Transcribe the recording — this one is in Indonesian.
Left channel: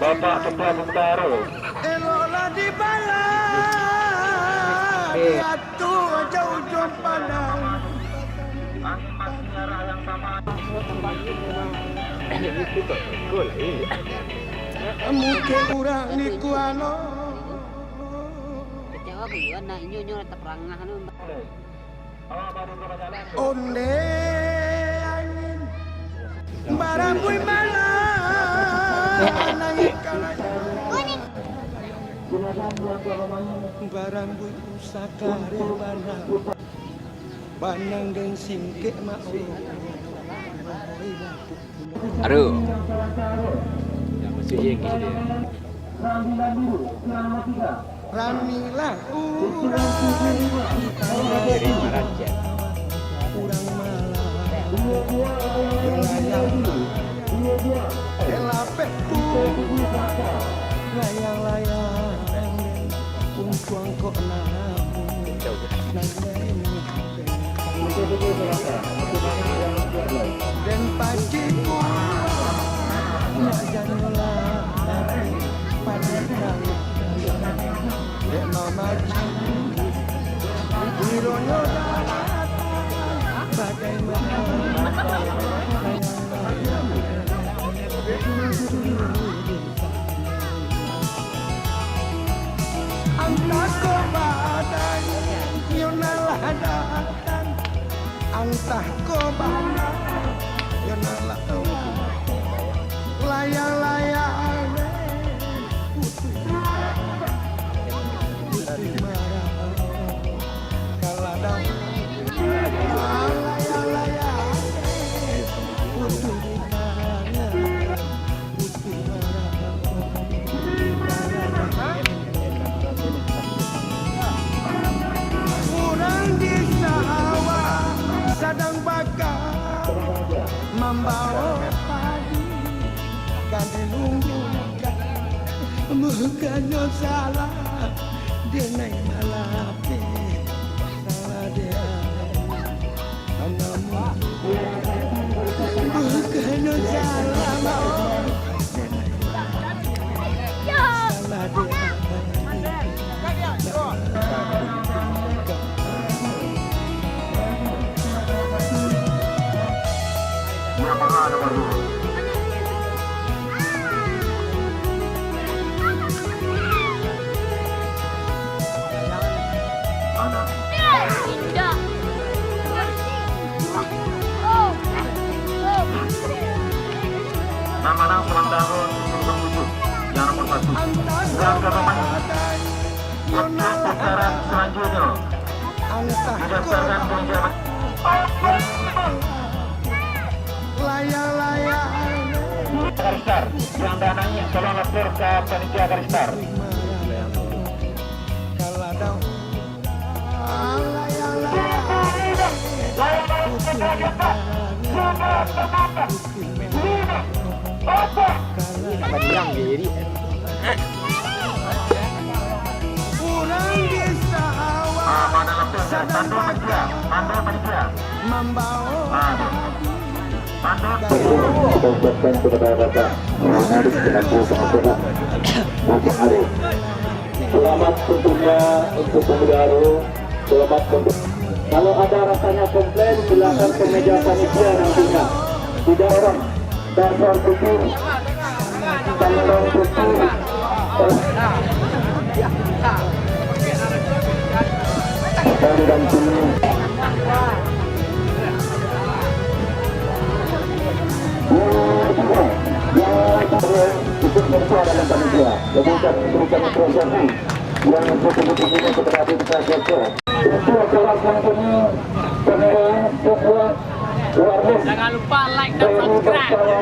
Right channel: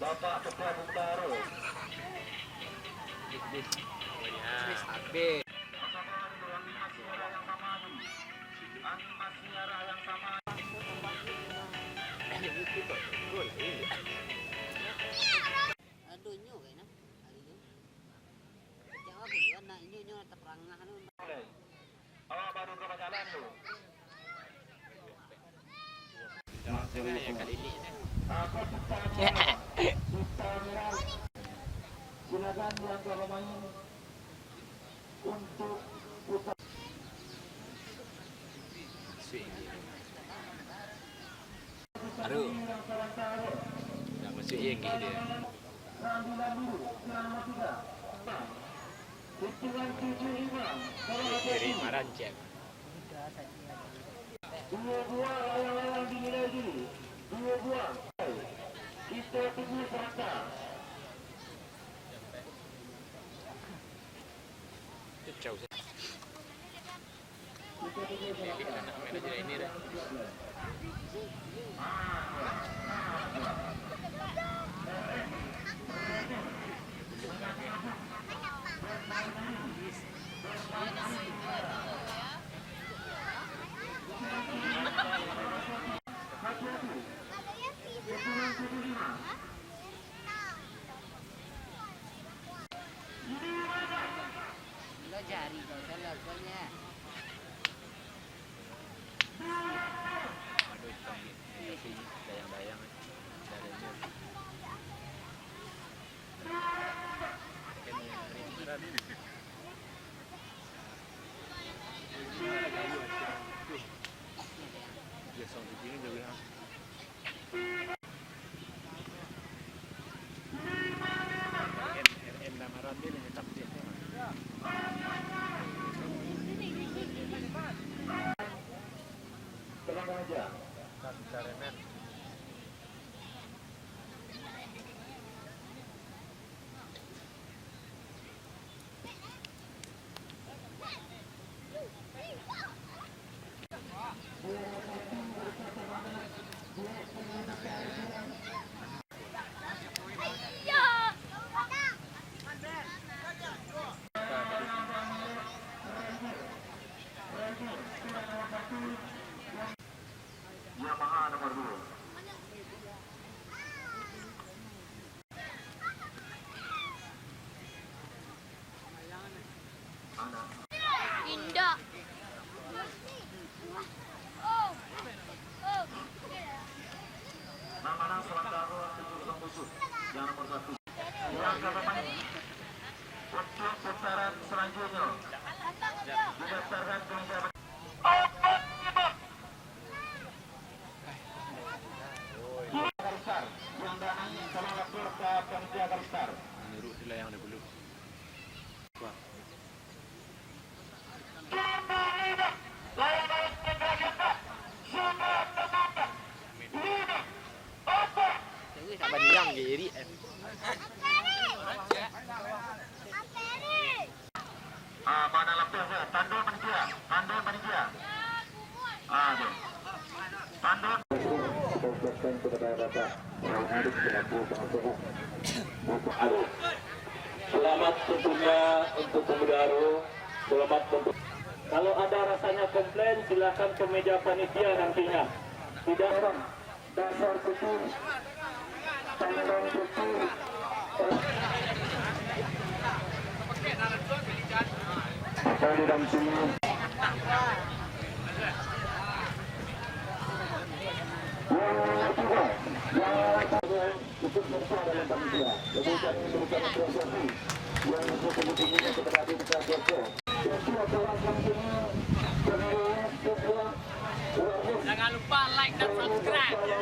Bapak Ketua Bintaro. Eloklah di balang Batu jauh-jauh pandang Angin masih arah yang sama. Mungkin kurang di kuano Kecewa gue na inyo tetap rangah anu. Baru berjalan. Onde angin Barang kui malam Nangis barang kui sakare banang Banang dan singkek mak Aduh. Yang mesti yang gitu ya. Ramilah Dari Marajan. kurang malam Elapek layang-layang Uncuang kok dan pagiku janganlah padakan dek mama Wiroyo bagaimana Angkat ke badan Yonalah datang Angkat ke badan Yonalah layang-layang Putih marah Kaladang layang-layang Putih Kurang di sawah sedang bakar membawa padi kade nunggu bukannya salah dia naik malape salah dia bukannya salah salah dia Yamaha nomor 2. Indah. Nama ulang tahun 07 yang nomor 1. Yang pemain untuk putaran selanjutnya didaftarkan penjabat layang-layang Garistar yang dananya tolong lapor ke panitia Garistar. kaladang Bilang diri. kurang di sawah Mana lapor Pandu panitia, Pandu panitia. membawa Pandu. Kita ucapkan kepada Bapak Arif selaku pengacara Bapak Arif. Selamat tentunya untuk pemuda Aru. Selamat untuk. Kalau ada rasanya komplain silakan ke meja panitia nantinya. Tidak orang dasar putih, tanggal putih. Dan dampingi. Ikut bersuara dalam panitia. Kemudian memberikan apresiasi yang betul-betul kepada administrasi. Itu adalah kampanye pemilihan sebuah warga. Jangan lupa like dan subscribe.